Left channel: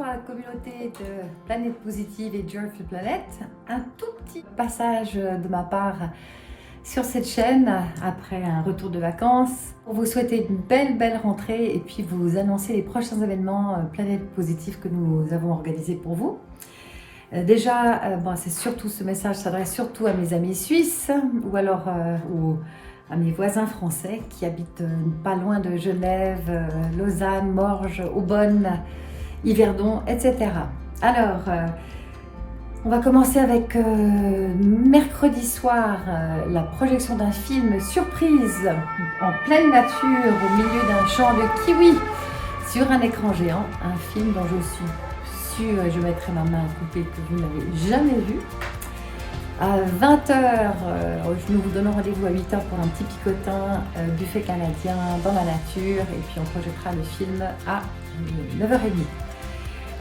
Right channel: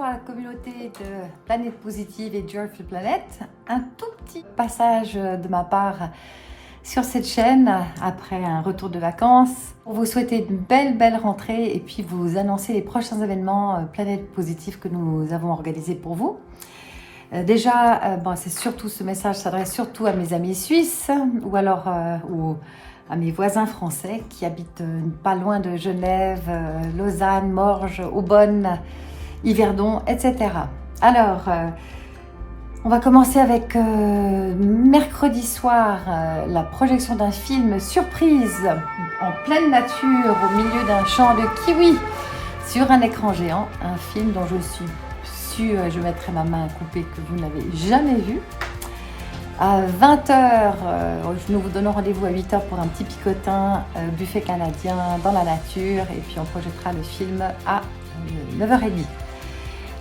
bonjour à la communauté de Planète Positive et Joyful Planet. Un tout petit passage de ma part sur cette chaîne après un retour de vacances pour vous souhaiter une belle rentrée et puis vous annoncer les prochains événements Planète Positive que nous avons organisés pour vous. Déjà, c'est surtout ce message s'adresse surtout à mes amis suisses ou alors à mes voisins français qui habitent pas loin de Genève, Lausanne, Morges, Aubonne, Yverdon, etc. Alors, on va commencer avec mercredi soir la projection d'un film surprise en pleine nature au milieu d'un champ de kiwi sur un écran géant, un film dont je suis sûre, je mettrai ma main à couper, que vous n'avez jamais vu. À 20h, nous vous donnons rendez-vous à 8h pour un petit picotin, buffet canadien dans la nature, et puis on projettera le film à 9h30.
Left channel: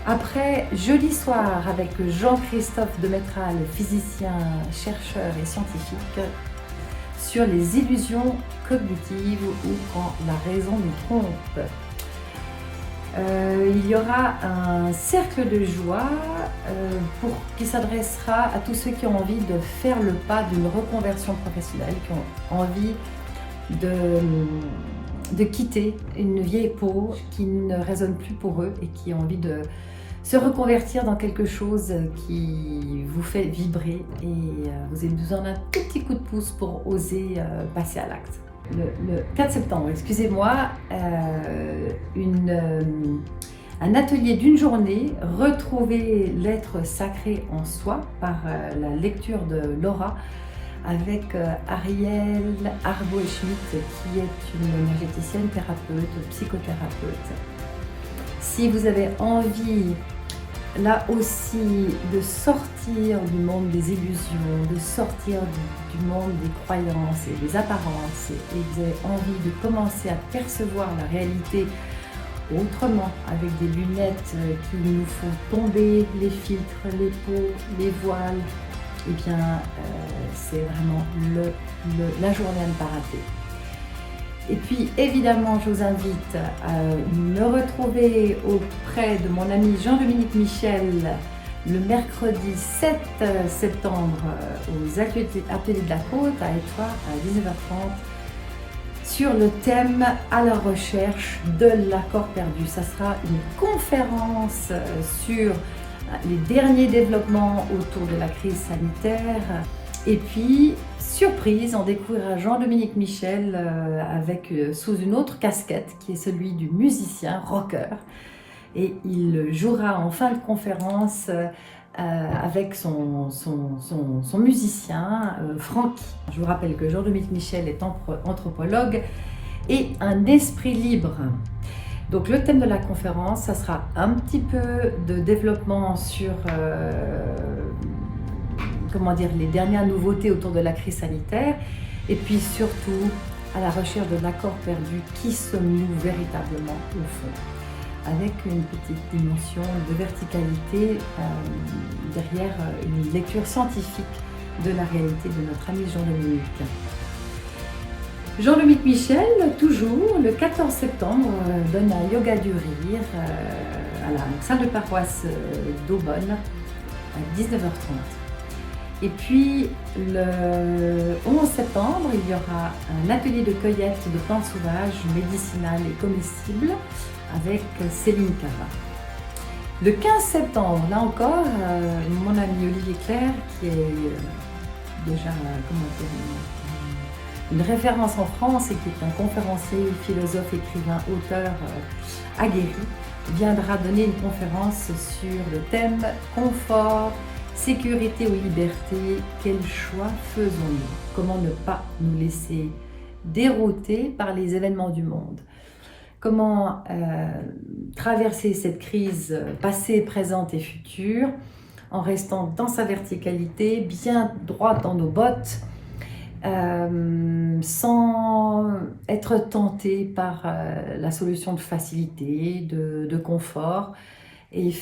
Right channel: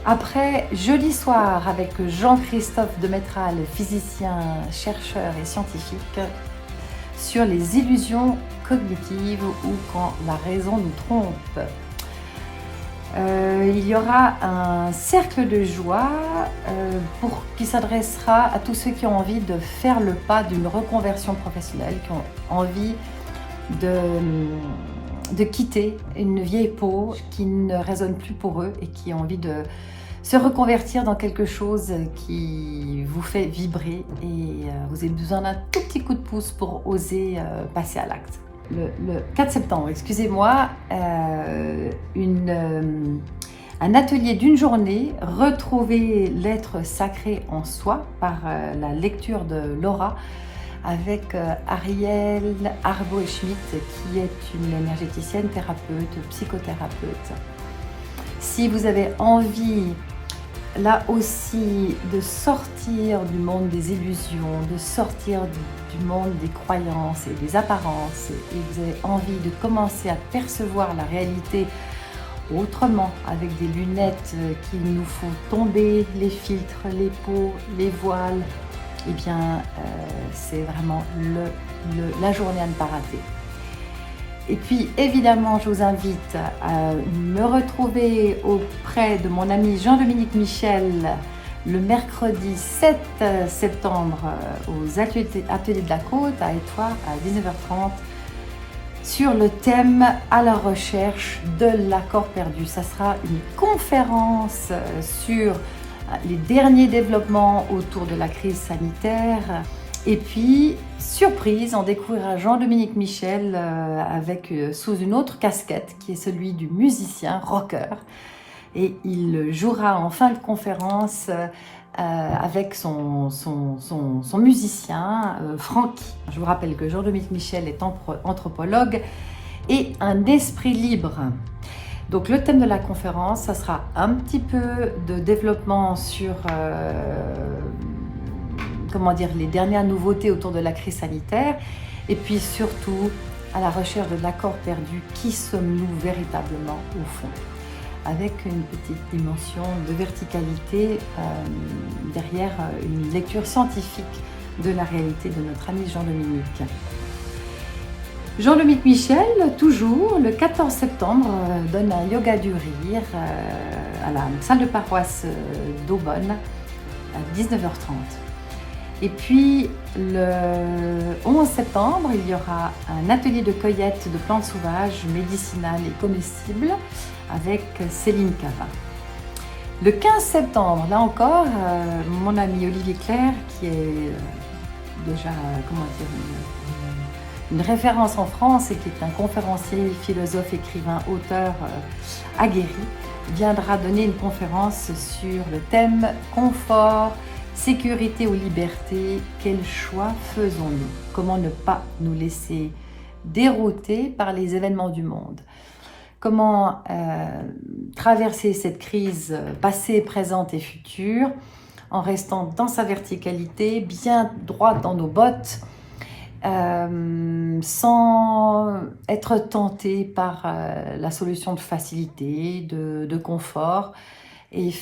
Après, jeudi soir, avec Jean-Christophe Demetral, physicien, chercheur et scientifique, sur les illusions cognitives ou quand la raison nous trompe. Il y aura un cercle de joie qui s'adressera à tous ceux qui ont envie de faire le pas d'une reconversion professionnelle, qui ont envie de quitter une vieille peau qui ne résonne plus pour eux et qui ont envie de se reconvertir dans quelque chose qui vous fait vibrer et vous avez besoin d'un tout petit coup de pouce pour oser passer à l'acte. Le 4 septembre, excusez-moi, un atelier d'une journée, retrouver l'être sacré en soi par la lecture de Laura avec Ariel Arbo-Schmidt qui est une énergéticienne, thérapeute, psychothérapeute. Si vous avez envie, là aussi, de sortir du monde des illusions, de sortir du monde des croyances et des apparences, et vous avez envie de commencer à percevoir la réalité autrement, avec des lunettes qui nous font tomber les filtres, les peaux, les voiles, eh bien, c'est vraiment la journée à ne pas rater. Et puis, évidemment, je vous invite à me retrouver auprès de mon ami Jean-Dominique Michel le mercredi 7 septembre aux Ateliers de la Côte à Étroit à 19h30 sur le thème « À la recherche de l'accord perdu ». Ça sera une conférence sur les derniers développements autour de la crise sanitaire. Et puis, surprise, on découvrira Jean-Dominique Michel sous une autre casquette qui est celui du musicien rocker. Et il jouera en fin de conférence avec son musicien Francky. Je vous rappelle que Jean-Dominique Michel est anthropologue et un esprit libre. Donc le thème de la conférence, ça sera un petit peu de développement sur les dernières nouveautés autour de la crise sanitaire et puis surtout à la recherche de l'accord perdu, qui sommes-nous véritablement au fond, avec une petite dimension de verticalité derrière une lecture scientifique de la réalité de notre ami Jean-Dominique. Jean-Dominique Michel, toujours, le 14 septembre, donne un yoga du rire à la salle de paroisse d'Aubonne à 19h30. Et puis, le 11 septembre, il y aura un atelier de cueillette de plantes sauvages, médicinales et comestibles avec Céline Cava. Le 15 septembre, là encore, mon ami Olivier Clerc, qui est déjà une référence en France et qui est un conférencier, philosophe, écrivain, auteur aguerri, viendra donner une conférence sur le thème « Confort, sécurité ou liberté, quel choix faisons-nous » Comment ne pas nous laisser dérouter par les événements du monde. Comment traverser cette crise passée, présente et future en restant dans sa verticalité, bien droit dans nos bottes, sans être tenté par la solution de facilité, de confort, et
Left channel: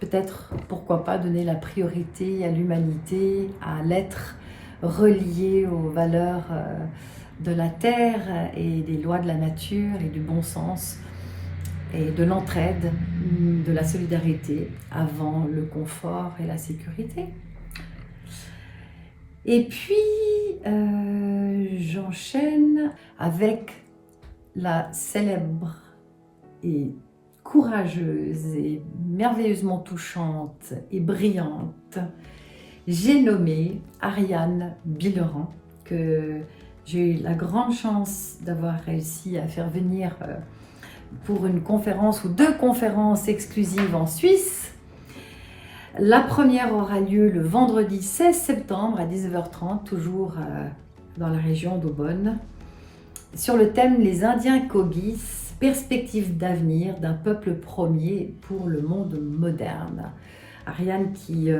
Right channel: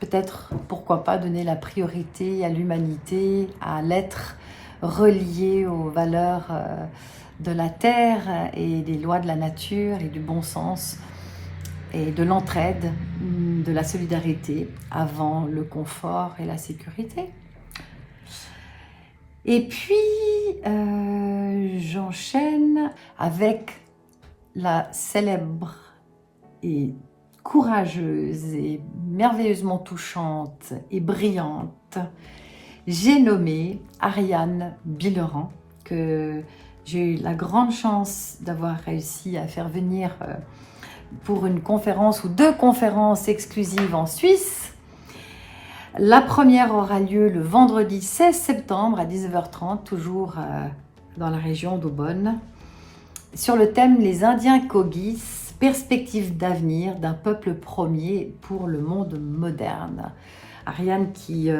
peut-être, pourquoi pas, donner la priorité à l'humanité, à l'être relié aux valeurs de la terre et des lois de la nature et du bon sens, et de l'entraide, de la solidarité avant le confort et la sécurité. Et puis, j'enchaîne avec la célèbre et courageuse et merveilleusement touchante et brillante, j'ai nommé Ariane Billeran, que j'ai eu la grande chance d'avoir réussi à faire venir pour une conférence ou 2 conférences exclusives en Suisse. La première aura lieu le vendredi 16 septembre à 19h30, toujours dans la région d'Aubonne, sur le thème « Les Indiens Kogis, perspectives d'avenir d'un peuple premier pour le monde moderne ». Ariane, qui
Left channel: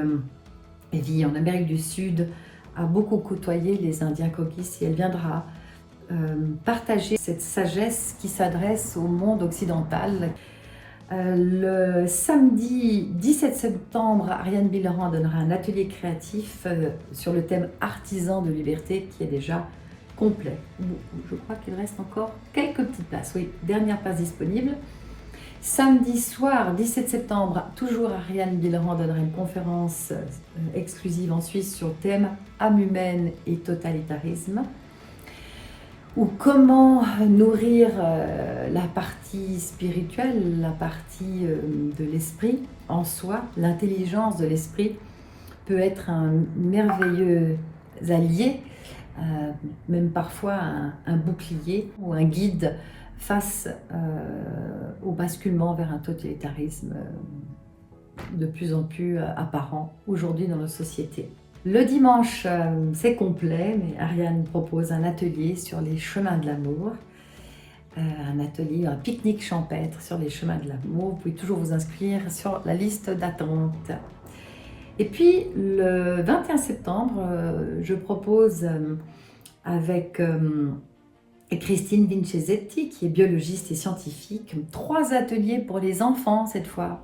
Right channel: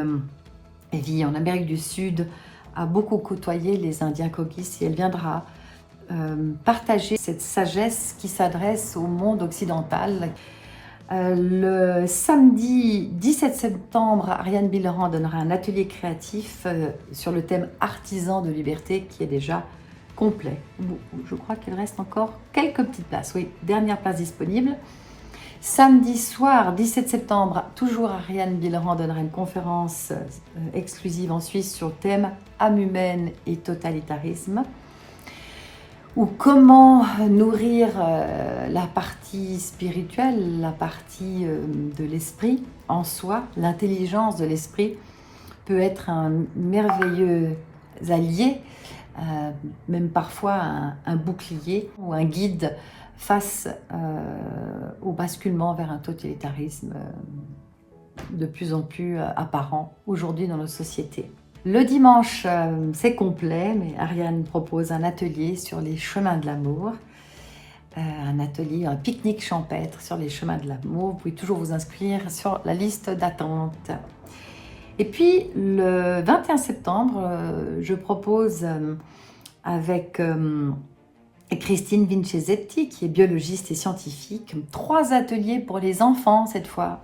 vit en Amérique du Sud, a beaucoup côtoyé les Indiens Kogis et elle viendra partager cette sagesse qui s'adresse au monde occidental. Le samedi 17 septembre, Ariane Billeran donnera un atelier créatif sur le thème artisan de liberté qui est déjà complet. Je crois qu'il reste encore quelques petites places. Oui, dernière place disponible. Samedi soir 17 septembre, toujours Ariane Billeran donnera une conférence exclusive en Suisse sur le thème âme humaine et totalitarisme, ou comment nourrir la partie spirituelle, la partie de l'esprit en soi. L'intelligence de l'esprit peut être un merveilleux allié, même parfois un bouclier ou un guide face au basculement vers un totalitarisme de plus en plus apparent aujourd'hui dans nos sociétés. Le dimanche, c'est complet, mais Ariane propose un atelier sur les chemins de l'amour, un atelier, un pique-nique champêtre sur les chemins de l'amour. Vous pouvez toujours vous inscrire sur la liste d'attente. Et puis, le 21 septembre, je propose avec Christine Vincenzetti, qui est biologiste et scientifique, 3 ateliers pour les enfants cette fois,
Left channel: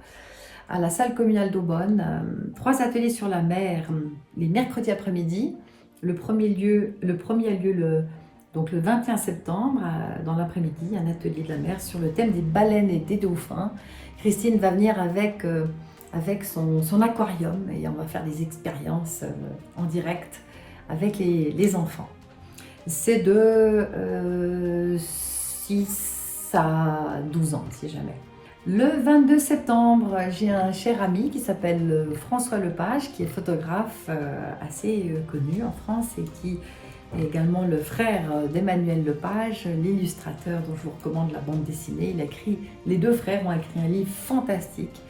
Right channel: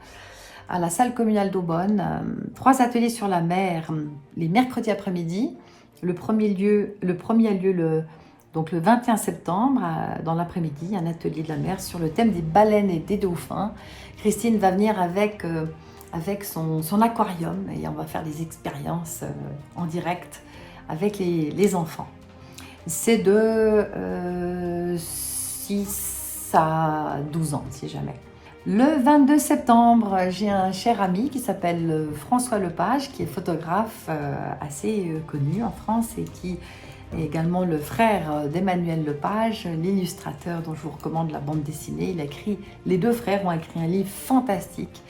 à la salle communale d'Aubonne, 3 ateliers sur la mer les mercredis après-midi. Le premier a lieu le 21 septembre dans l'après-midi, un atelier de la mer sur le thème des baleines et des dauphins. Christine va venir avec son aquarium et on va faire des expériences en direct avec les enfants. C'est de 6 à 12 ans, si jamais. Le 22 septembre, j'ai un cher ami qui s'appelle François Lepage, qui est photographe assez connu en France et qui est également le frère d'Emmanuel Lepage, l'illustrateur dont je vous recommande la bande dessinée. Les 2 frères ont écrit un livre fantastique,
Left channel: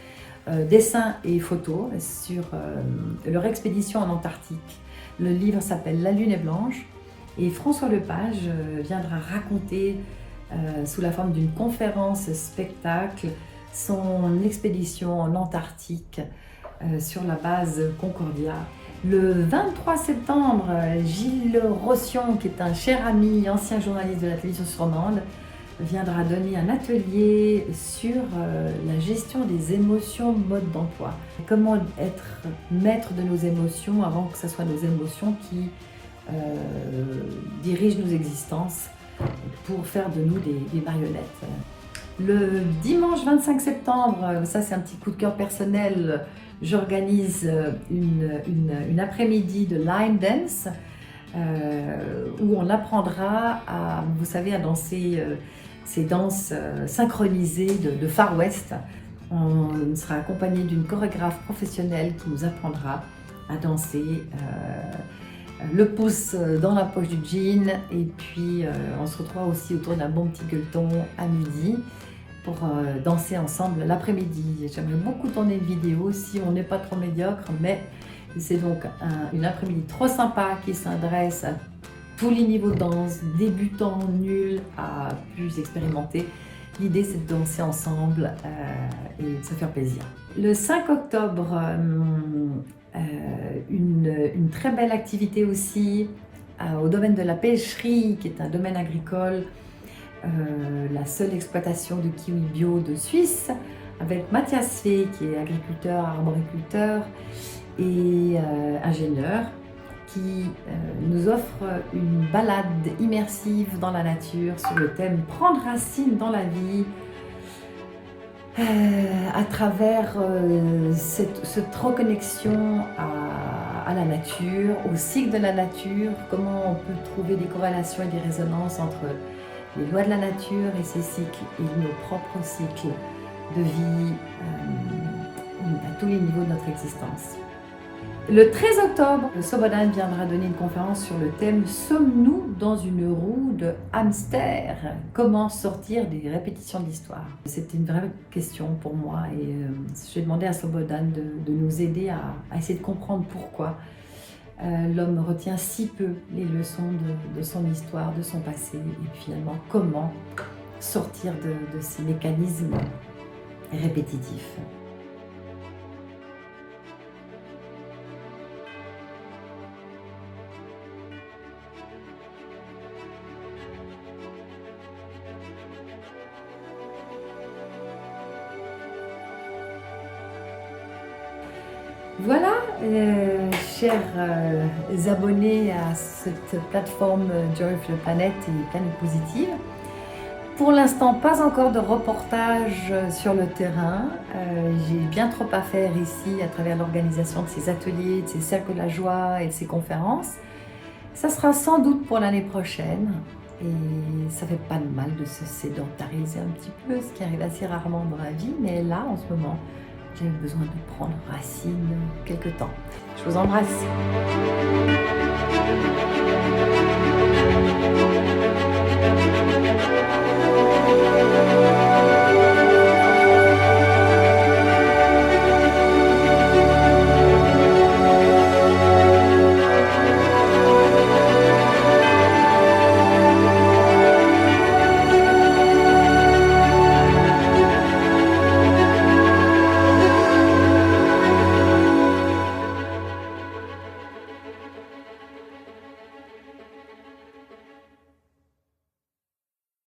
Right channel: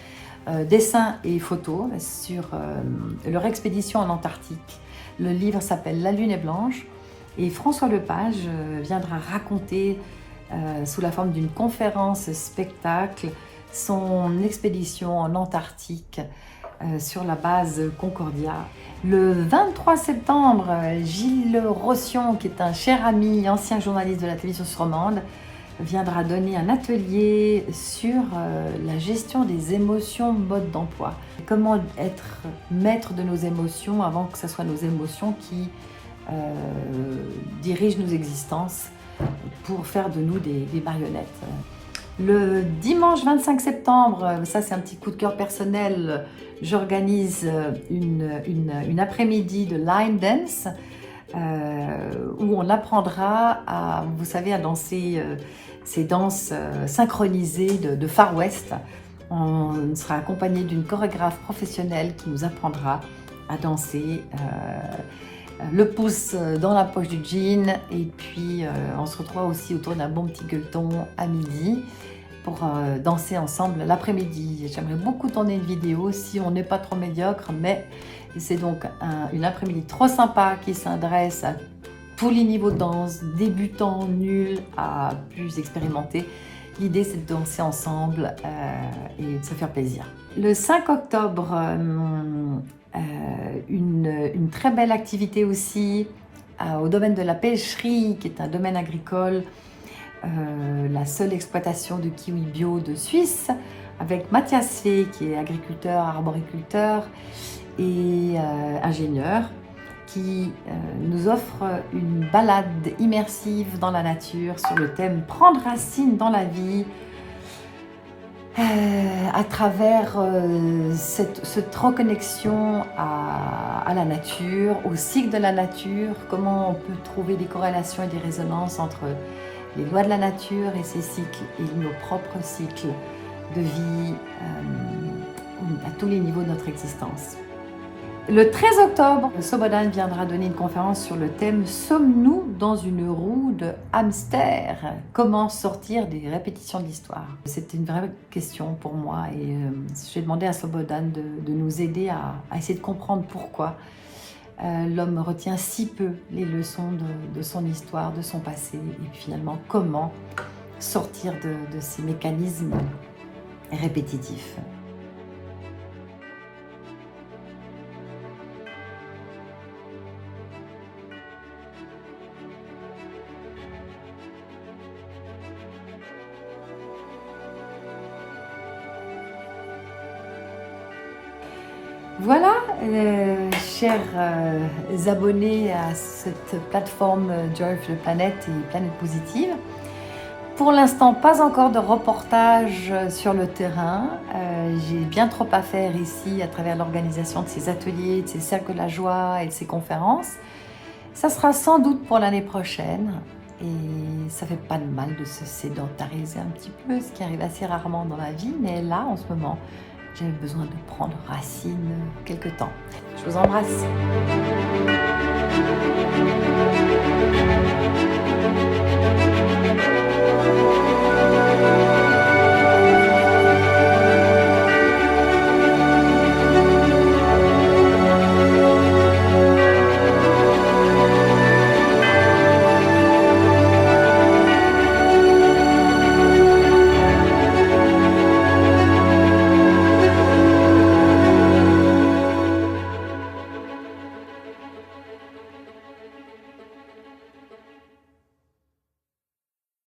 dessins et photos, sur leur expédition en Antarctique. Le livre s'appelle La Lune est blanche et François Lepage viendra raconter sous la forme d'une conférence spectacle son expédition en Antarctique sur la base Concordia. Le 23 septembre, Gilles Rossion, qui est un cher ami, ancien journaliste de la télévision romande, viendra donner un atelier sur la gestion des émotions, mode d'emploi. Comment être maître de nos émotions avant que ce soit nos émotions qui dirigent nos existences pour faire de nous des marionnettes. Le dimanche 25 septembre, ça c'est un petit coup de cœur personnel, j'organise une après-midi de line dance où on apprendra à danser ces danses synchronisées de Far West. On sera accompagné d'une chorégraphe professionnelle qui nous apprendra à danser le pouce dans la poche du jean, et puis on se retrouvera aussi autour d'un bon petit gueuleton à midi pour danser ensemble l'après-midi. J'aimerais beaucoup tourner une vidéo si on n'est pas trop médiocre, mais c'est donc une après-midi trop sympa qui s'adresse à tous les niveaux de danse, débutants, nuls à plus expérimentés. L'idée c'est de danser ensemble et de se faire plaisir. Le 5 octobre, une très belle activité aussi au domaine de la pêcherie, qui est un domaine agricole, la seule exploitation de kiwi bio de Suisse, avec Mathias Fay, qui est agriculteur, arboriculteur et ingénieur, qui nous offre une balade immersive dans la nature sur le thème « Prendre racine dans la vie ». à travers cette reconnexion à la nature, au cycle de la nature, comment on peut trouver des corrélations et des résonances entre les lois de la nature et ses cycles et nos propres cycles de vie à tous les niveaux de notre existence. Le 13 octobre, Sobodan viendra donner une conférence sur le thème « Sommes-nous dans une roue de hamster ? Comment sortir des répétitions de l'histoire ?» C'était une vraie question pour moi et j'ai demandé à Sobodan de nous aider à essayer de comprendre pourquoi l'homme retient si peu les leçons de son histoire, de son passé et finalement comment sortir de ces mécanismes répétitifs. Voilà, chers abonnés à cette plateforme Joyful Planet et Planète Positive. Pour l'instant, pas encore de reportage sur le terrain. J'ai bien trop à faire ici à travers l'organisation de ces ateliers, de ces cercles de la joie et de ces conférences. Ça sera sans doute pour l'année prochaine. Et ça fait pas de mal de se sédentariser un petit peu, ce qui arrive assez rarement dans la vie. Mais là, en ce moment, j'ai besoin de prendre racine quelque temps. Je vous embrasse.